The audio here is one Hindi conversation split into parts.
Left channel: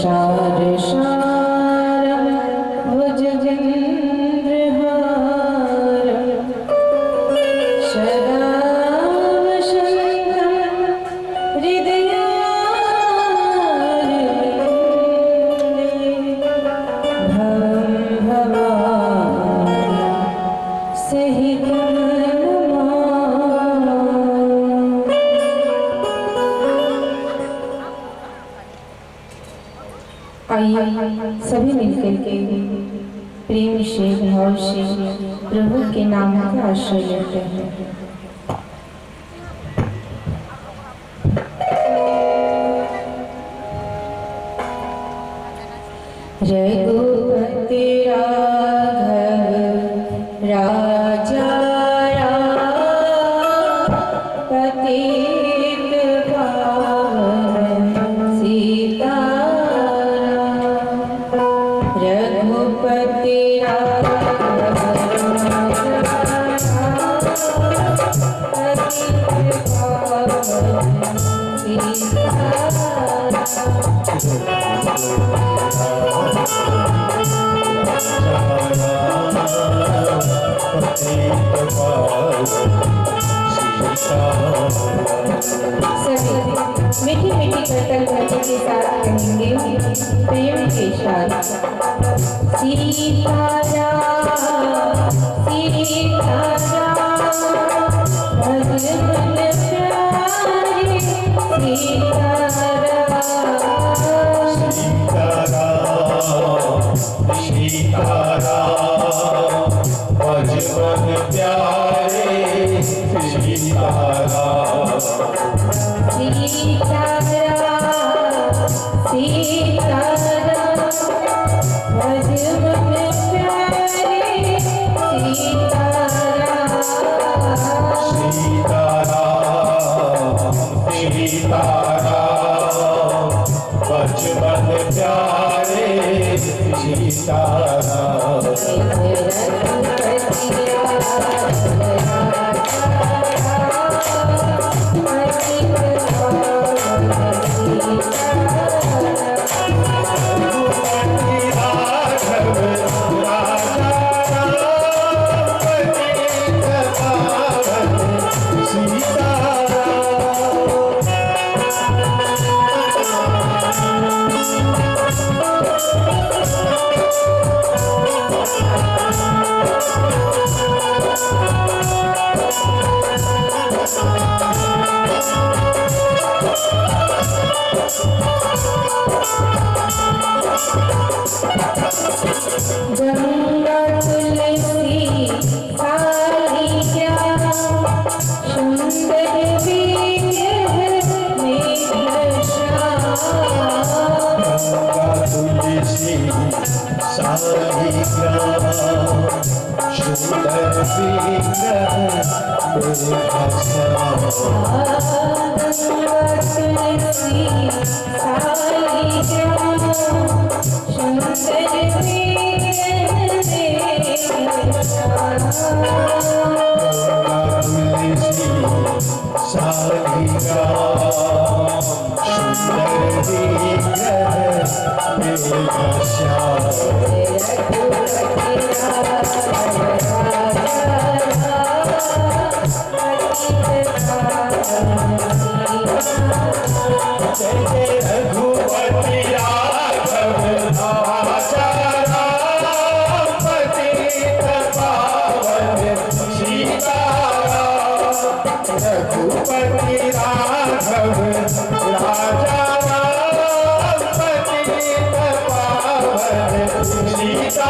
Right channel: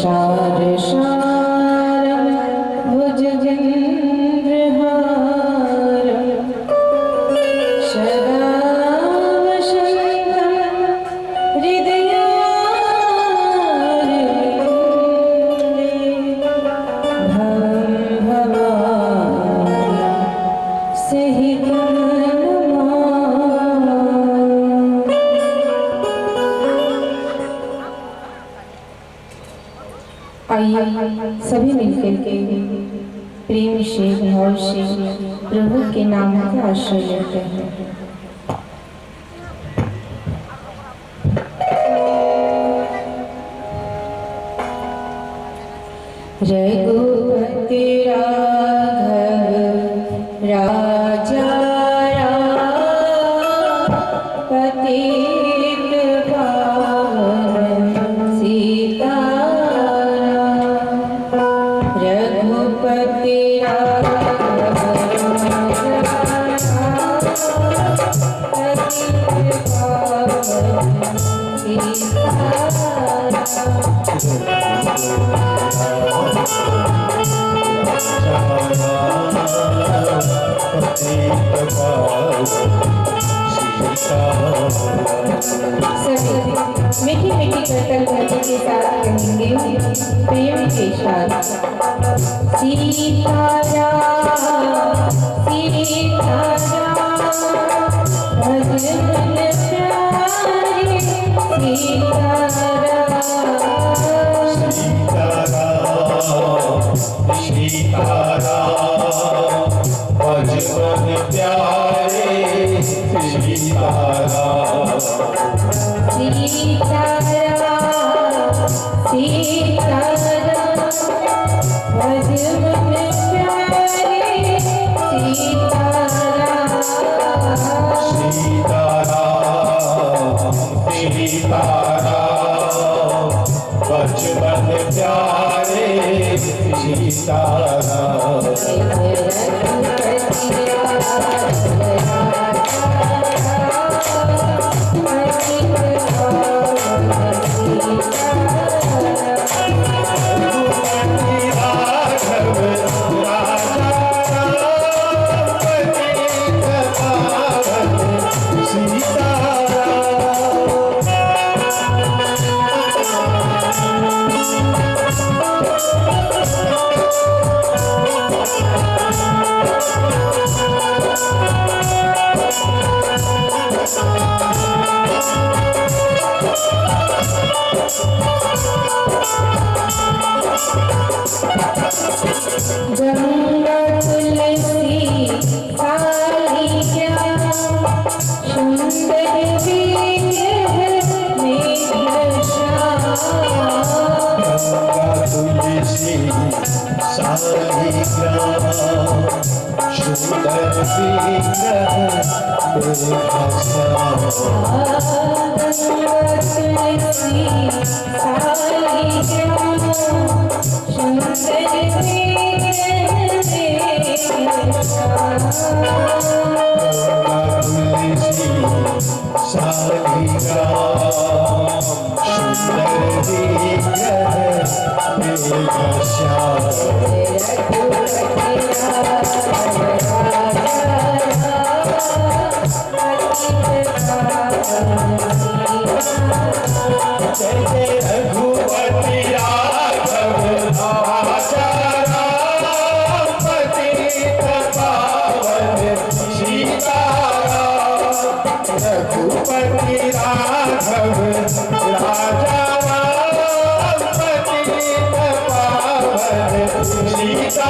शारशारं भुजगेन्द्रहारं सदा वसन्तं हृदयारविन्दे भवं भवामि सहितं नमामि। आइए सभी मिलकर के प्रेम से भाव से प्रभु के नाम का आश्रय लेते हैं। रघुपति राघव राजा राम पतित पावन सीताराम। रघुपति राघव राजा पतित पावन सभी मीठी मीठी करतल ध्वनि के साथ कहेंगे प्रेम के साथ सीताराम सीताराम भजन प्यारे सीताराम सीताराम भजन प्यारे सीताराम सीताराम सीताराम भजन प्यारे सीताराम सीताराम सीताराम भजन प्यारे सीताराम गंगा तुलसी कालिया सुंदर विग्रह मेघश्याम। गंगा तुलसी सालिग्राम सुंदर विग्रह मेघश्याम। गंगा तुलसी कालिया सुंदर रघुपति राघव राजा राम पतित पावन सीताराम। रघुपति राघव राजा राम पतित पावन सीताराम।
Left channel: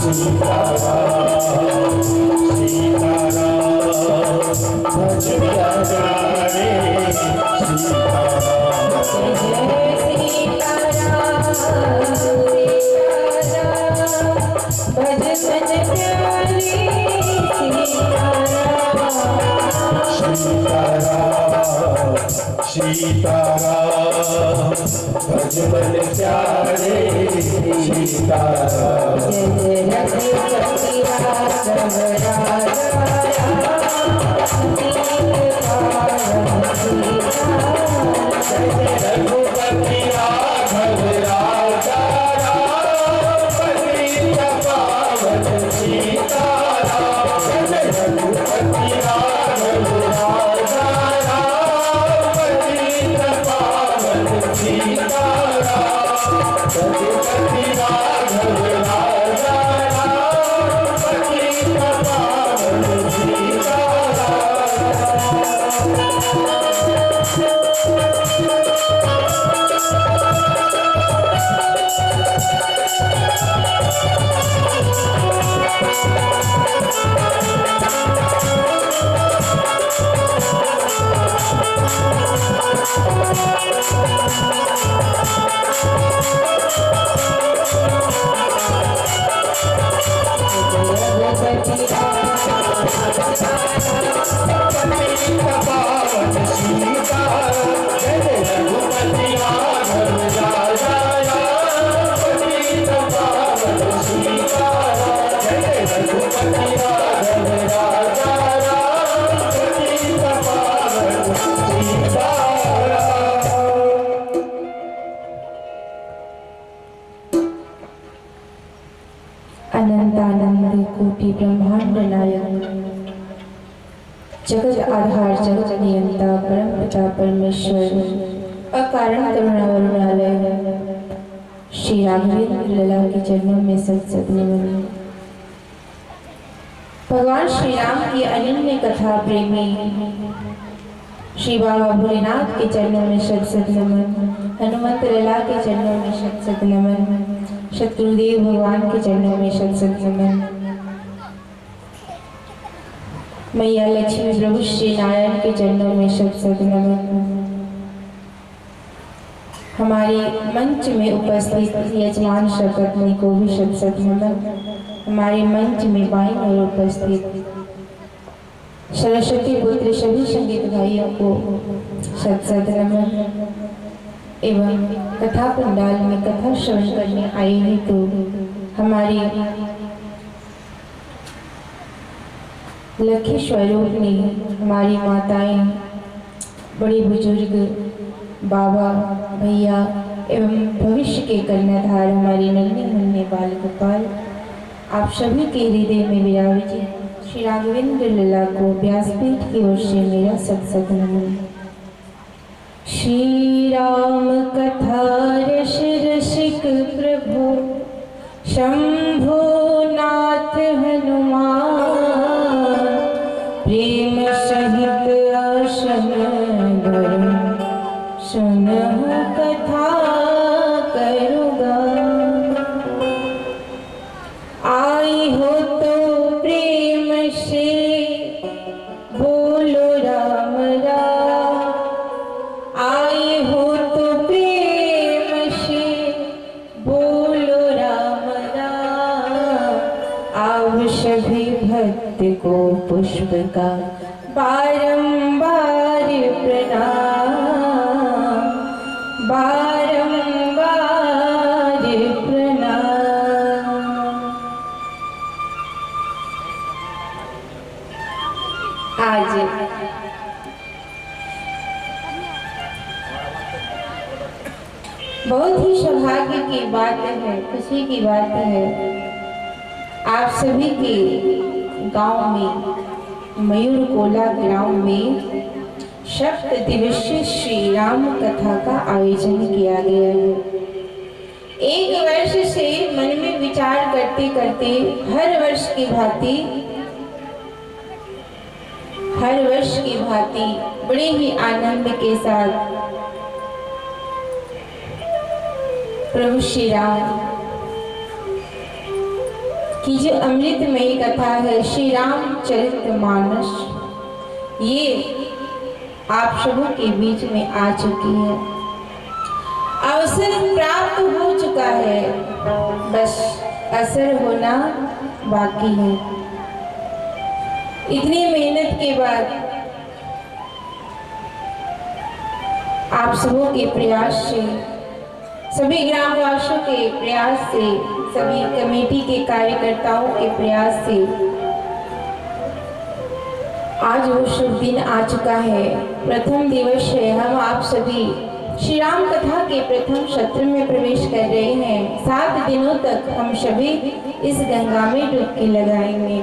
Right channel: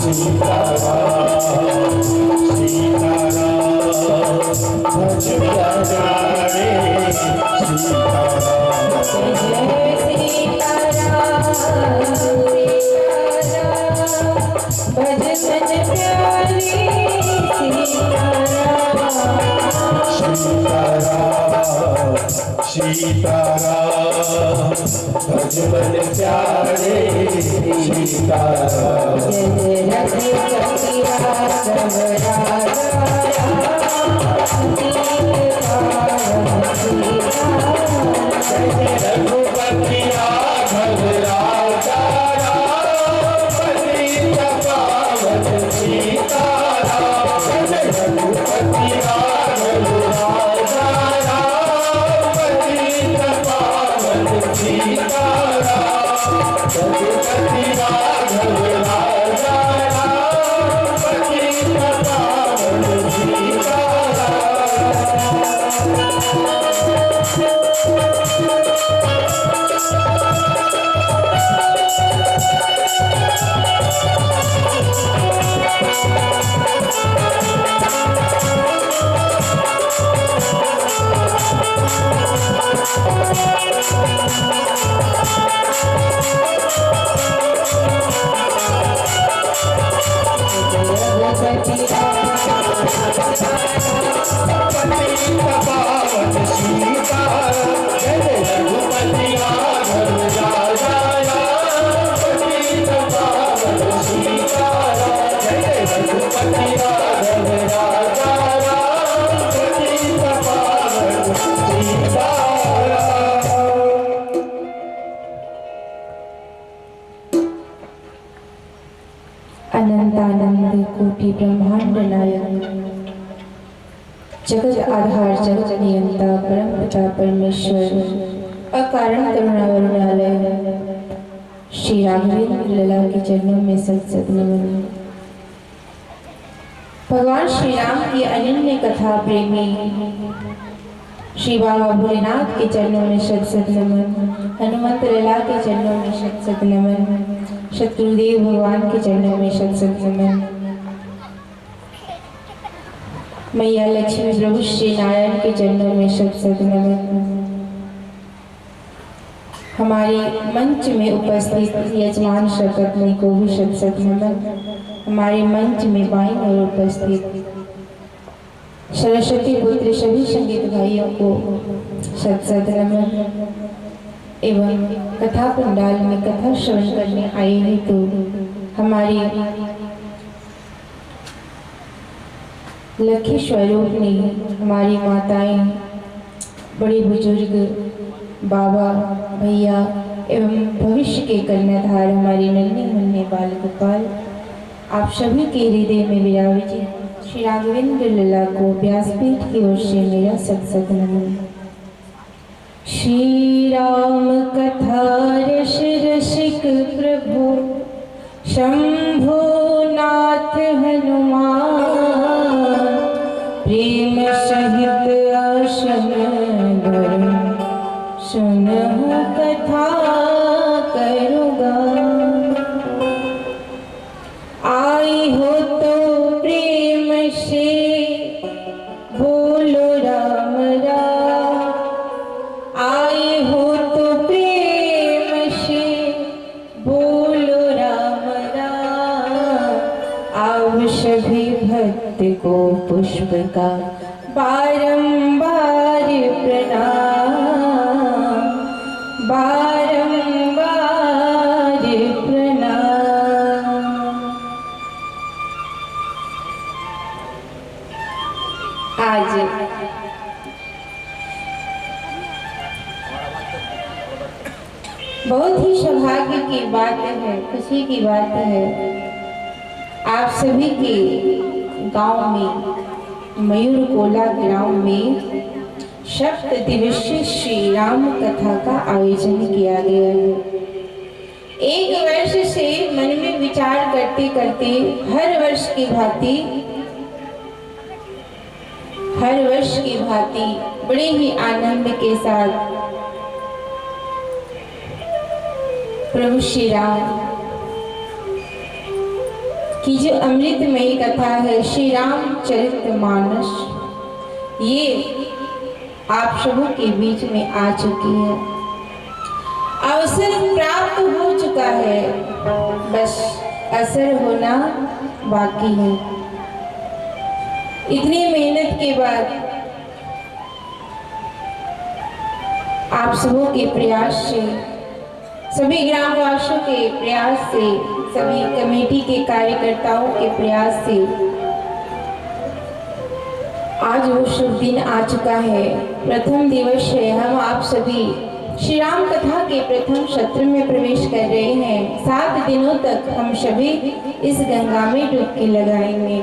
सीताराम सीताराम भज प्यारे सीताराम सीताराम भज मन प्यारे सीताराम रघुपति राघव राजा राम पतित पावन सीताराम रघुपति राघव राजा राम पतित पावन सीताराम रघुपति राघव राजा राम पतित पावन अनंतानंद कोटि ब्रह्मांड नायक जगत आधार जगत नियंता परम पिता परमेश्वर अकारण करुणा वरुणालय श्री राघवेंद्र लला के चरणों में सत नमन। भगवान श्री राम की अनन्य कथा प्रेमी श्री बाबा भोलेनाथ के चरणों में सत नमन। हनुमंत लला के चरणों में सत नमन। शत्रुदेव भगवान के चरणों में सत नमन। मैया लक्ष्मी प्रभु श्री नारायण के चरणों में सत नमन। हमारे मंच में उपस्थित यजमान शपथनी को भी सत नमन। हमारे मंच में बाईं ओर उपस्थित सरस्वती पुत्र सभी संगीत भाइयों को सत नमन एवं कथा पंडाल में कथा श्रवण करने आए हैं तो हमारी लक्ष्मी स्वरूपनी हमारी माताएं बड़ी बुजुर्ग बाबा भैया एवं भविष्य के कन्याधार हमारे नन्हे मुन्ने बाल गोपाल आप सभी के हृदय में विराजित श्री राघवेंद्र लला को व्यासपीठ की ओर से मेरा सत नमन। श्री राम कथा रस रसिक प्रभु शंभो नाथ हनुमान प्रेम सहित आसन धर्म सुनहु कथा करुगा आई हो तो प्रेम से बोलो राम राम आए हो तो प्रेम से बोलो राम राम अब सभी भक्त को पुष्प का बारंबार प्रणाम बारंबार प्रणाम। आज बहुत ही सौभाग्य की बात है, खुशी की बात है। आप सभी के गांव में मयूर कोला ग्राम में सप्त दिवसीय श्री राम कथा का आयोजन किया गया है। एक वर्ष से मन में विचार करते करते हर वर्ष की भांति बड़े ही आनंद के साथ प्रभु श्री राम कि जो अमृतमयी कथा है श्री रामचरितमानस, ये आप सबों के बीच में आ चुकी है। अवसर प्राप्त हो चुका है, बस असर होना बाकी है। इतनी मेहनत के बाद आप सबों के प्रयास से, सभी ग्रामवासियों के प्रयास से, सभी कमेटी के कार्यकर्ताओं के प्रयास से आज वो शुभ दिन आ चुका है। प्रथम दिवस है। हम आप सभी श्री राम कथा के प्रथम सत्र में प्रवेश कर रहे हैं। 7 दिनों तक हम सभी इस गंगा में डुबकी लगाएंगे।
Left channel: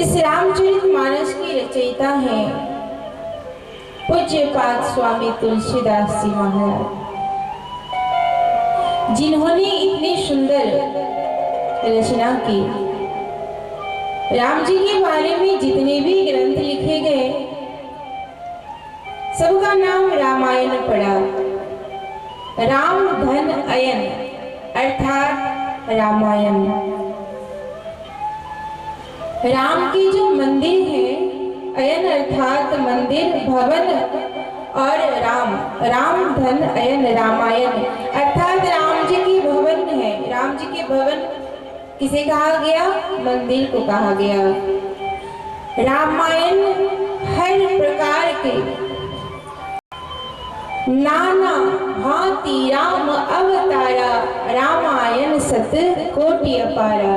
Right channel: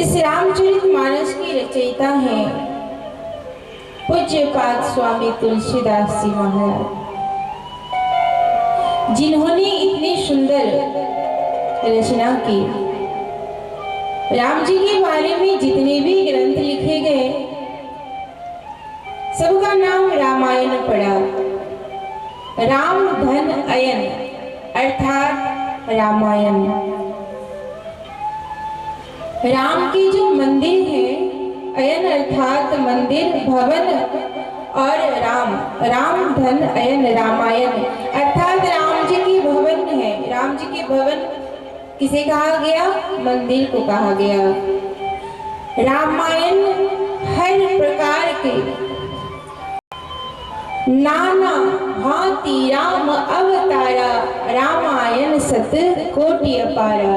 इस रामचरितमानस की रचयिता हैं पूज्यपाद स्वामी तुलसीदास जी महाराज, जिन्होंने इतनी सुंदर रचना की। राम जी के बारे में जितने भी ग्रंथ लिखे गए, सबका नाम रामायण पड़ा। राम धन अयन अर्थात रामायण। राम की जो मंदिर है, अयन अर्थात मंदिर, भवन, और राम धन अयन रामायण अर्थात राम जी की भवन है। राम जी के भवन किसे कहा गया? मंदिर को कहा गया। रामायण हर प्रकार के नाना भांति राम अवतारा, रामायण सत कोटि अपारा।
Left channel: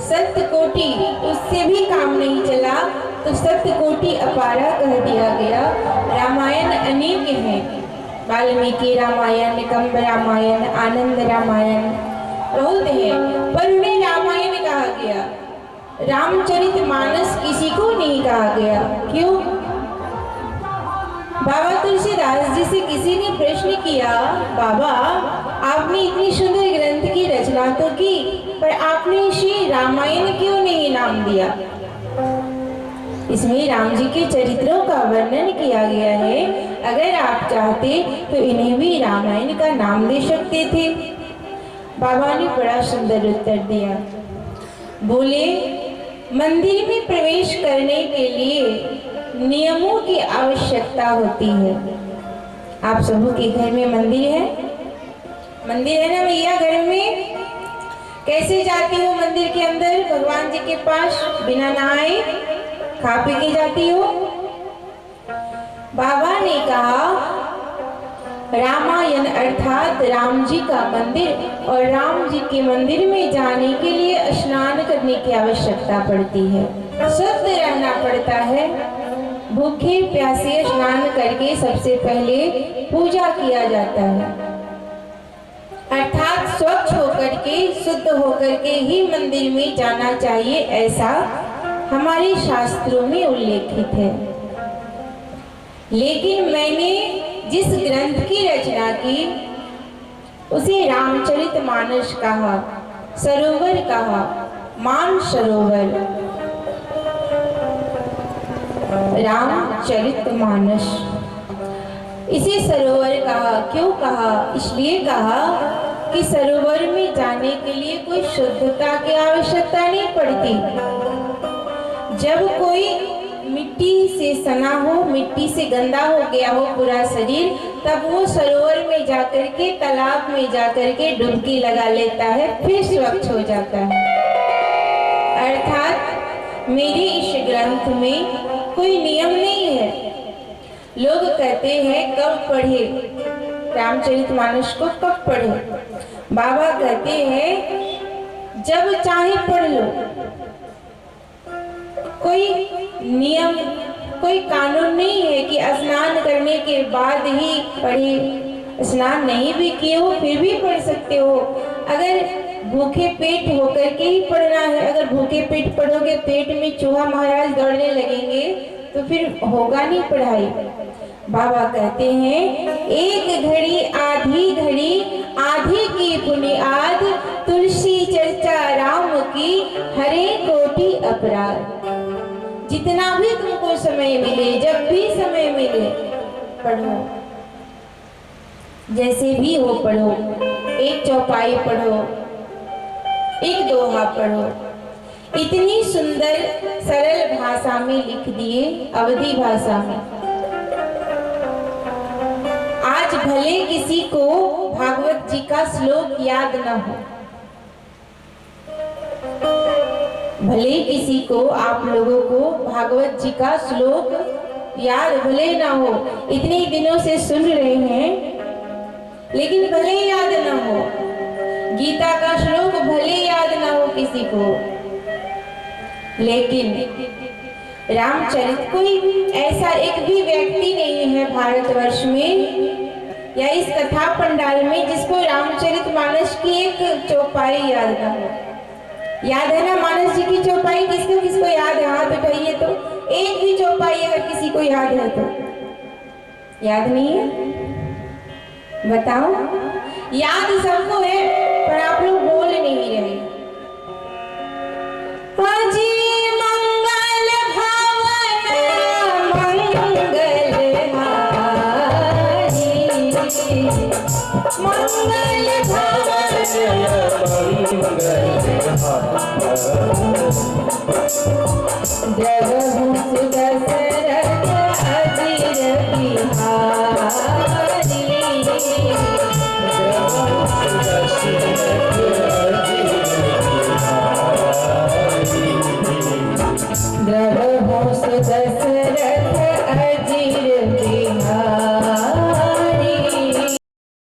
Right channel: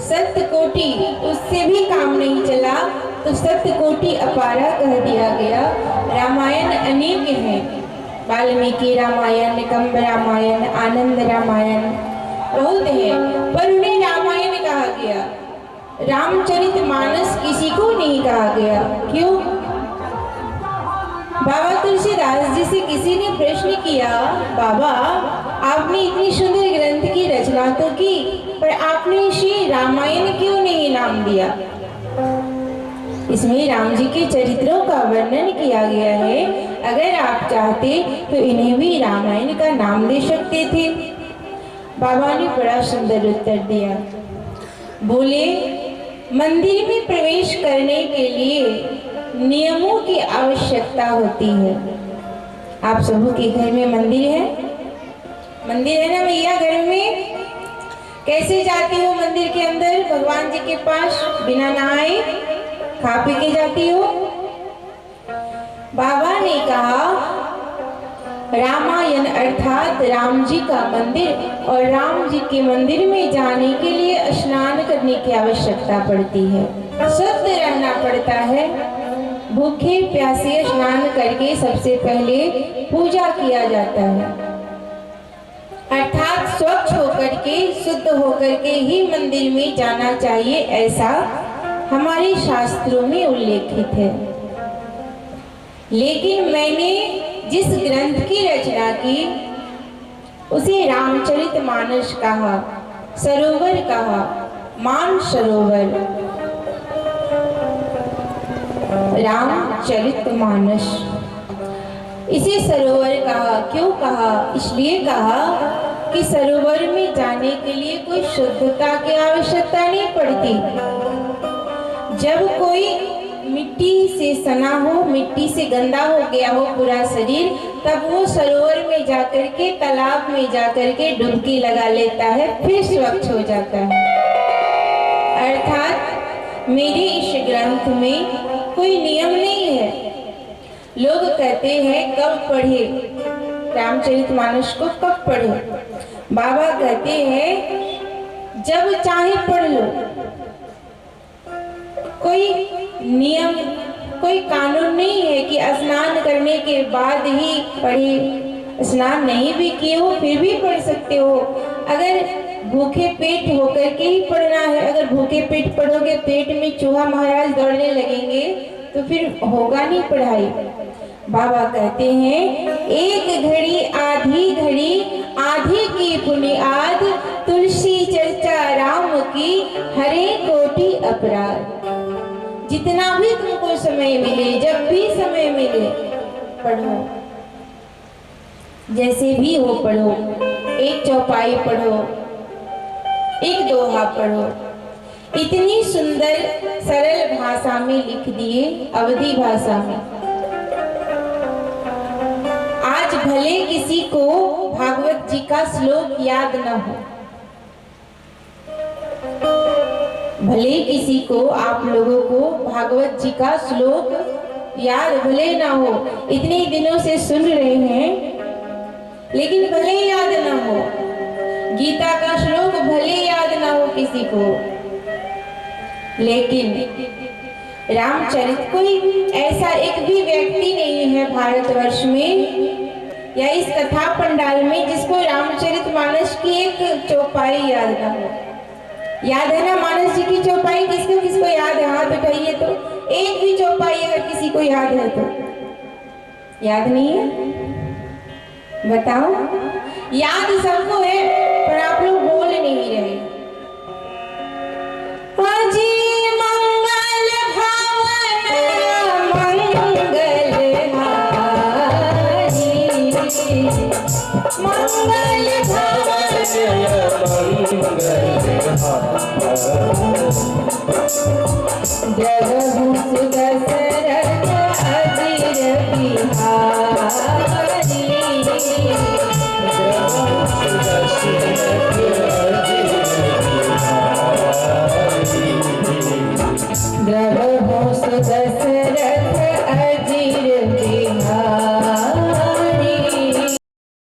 सत कोटि, उससे भी काम नहीं चला तो सत कोटि अपारा कह दिया गया। रामायण अनेक हैं, वाल्मीकि रामायण, कंब रामायण, आनंद रामायण, बहुत है, पर उन्हें रामायण कहा गया। रामचरितमानस किसी को नहीं कहा गया। क्यों? बाबा तुलसीदास जी से किसी ने प्रश्न किया, बाबा आपने इतनी सुंदर ग्रंथ की रचना तो की, पर आपने श्री रामायण क्यों नहीं नाम दिया? इसमें राम जी के चरित्रों का वर्णन किया गया है। अगर आप चाहते तो इन्हें भी रामायण का नाम दे सकते थे। बाबा ने बड़ा सुंदर उत्तर दिया। बोले, मंदिर में प्रवेश करने के लिए नियमों की आवश्यकता होती है। आप सबों के घर में मंदिर है? मंदिर है ना भैया? घर में कैसे जाती हो मंदिर के अंदर भगवान जी के पास? बिना नहाए खा पी के जाती हो? बाबा ने कहा रामायण अर्थात राम जी का मंदिर, और राम जी के मंदिर में जाने के लिए स्नान करने की आवश्यकता पड़ती है, शुद्ध रहना पड़ता है। भूखे प्यासे स्नान करके सबसे पहले पूजा किया जाता है, अर्थात स्वच्छ होकर के, शुद्ध होकर के ही मंदिर में जाना चाहिए, ऐसा हमारे शास्त्रों में उल्लेखित है। लेकिन मैंने जिस ग्रंथ की रचना की उसे रामचरितमानस कहा, सरोवर कहा, मान सरोवर, रामचरितमानस। इसे सरोवर कहा। क्यों कहा? इसलिए कहा कि सरोवर में जाने के लिए कोई शुद्धता की आवश्यकता नहीं पड़ती। जब कोई मिट्टी से सना हो, मिट्टी से गंदा हो गया हो पूरा शरीर, तब वो सरोवर में जाकर के, तालाब में जाकर के डुबकी लगा लेता है, फिर स्वच्छ हो जाता है। अर्थात मेरे इस ग्रंथ में कोई नियम नहीं है। लोग कहते हैं कब पढ़े रामचरितमानस को, कब पढ़े? बाबा कहते हैं जब चाहे पढ़ लो। कोई नियम, कोई कानून नहीं है कि स्नान करने के बाद ही पढ़े। स्नान नहीं भी किए हो फिर भी पढ़ सकते हो। अगर भूखे पेट होकर के ही पढ़ना है, अगर भूखे पेट पढ़ोगे, पेट में चूहा महाराज दौड़ने लगेंगे तो फिर होगा नहीं पढ़ाई। बाबा कहते हैं एक घड़ी आधी घड़ी, आधी की बुनियाद, तुलसी चर्चा राम की, हरे कोटि अपराध। जितना भी तुमको समय मिले, जब भी समय मिले पढ़ो, जैसे भी हो पढ़ो। एक चौपाई पढ़ो, एक दोहा पढ़ो। इतनी सुंदर सरल भाषा में लिख दिए, अवधी भाषा में। आज भले किसी को भागवत जी का श्लोक याद न हो, भले किसी को, आप लोगों को भागवत जी का श्लोक याद भले ना हो, इतने दिनों से सुन रहे हैं, लेकिन भले याद ना हो, गीता का श्लोक भले याद ना हो किसी को, लेकिन रामचरित, कोई ऐसा एक भी व्यक्ति नहीं है भारतवर्ष में या इस कथा पंडाल में जिसको रामचरितमानस की एक चौपाई याद ना हो। याद है ना मानस जी की चौपाई? किसको किसको याद है? हाथ उठाइए तो। एक भी चौपाई अगर किसी को याद है तो। याद नहीं है? बताओ। याद सबको है पर आप लोग बोल नहीं रहे। हाजी मंगल भावन मंगल हारी, मंगल भावन जगहु दशरथ अजिर बिहारी, जगहु दशरथ